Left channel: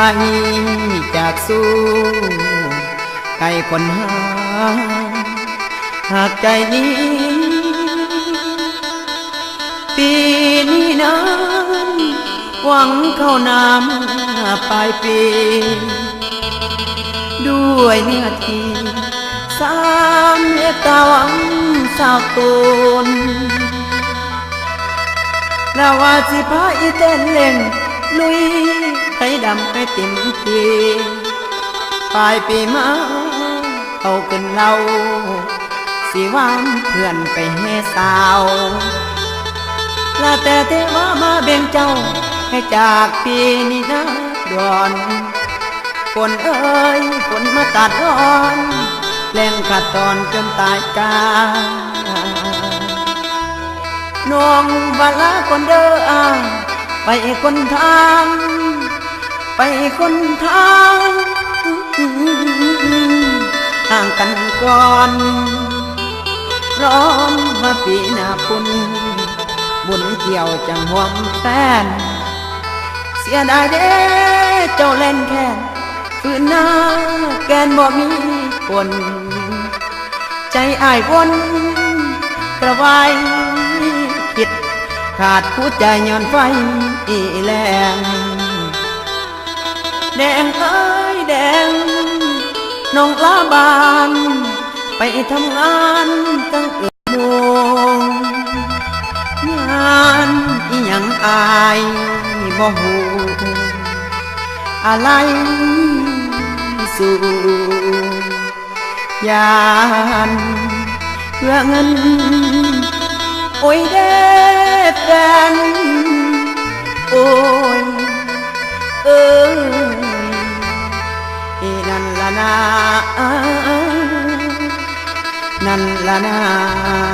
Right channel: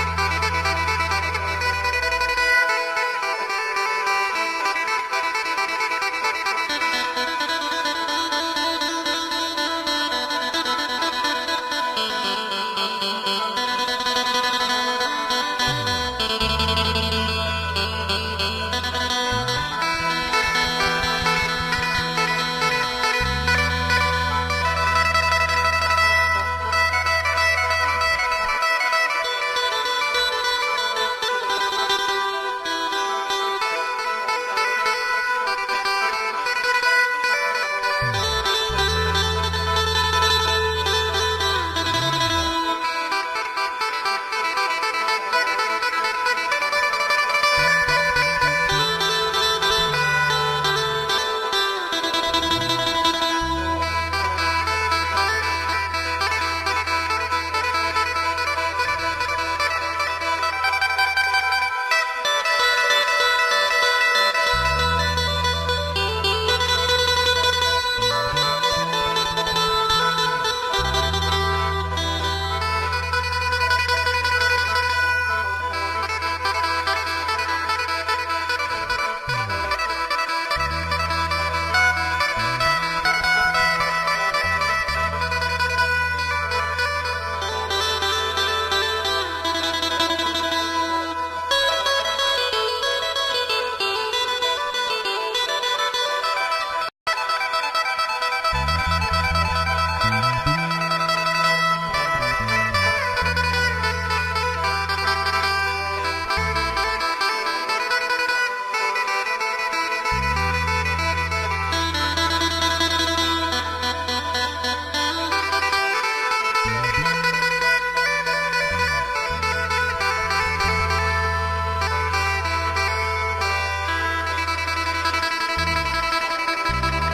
จากสู้ไก่คนหาหากใจนี้ปีนี้นั้นหวังเข้าน้ำปลายปีด้วยเนื้อที่สามเมตตาหวังสาวตูนแล้วว่าสิพาอีเต้นเล่นลุยให้ดำให้เต็มทีปลายปีมาเอาขึ้นเราสิวานเพื่อนไปให้สาวแล้วแต่เทว่ามาเบ่งเจ้าให้จากปีนี้นะด่วนฝนเอ้ยฝนมาตัดร้อนแรงขาดตอนจนตายกาน้องบาลาคนเด้อไปคนทางไปคนทางห่างกันก่อนร้อนมาปีหน้าคุณบุญเกี่ยวจังห่วงแฟนเสียดายเด้เจ้าเล่นแค่ฝืนหน้าแกนบ่มีคนใจอ้ายวนกระวายคิดขาดผู้ใจย้อนไฟแรงแดงเอ้ยแดงน้องลาบานไปทำงานตั้งโมงงานอีหยังอายบ่ฮู้อะไรสู่ยานเพื่อเงินโอ้ยเด้แฟนโอ้ยเอ้ยนั่นละนานั่นละนา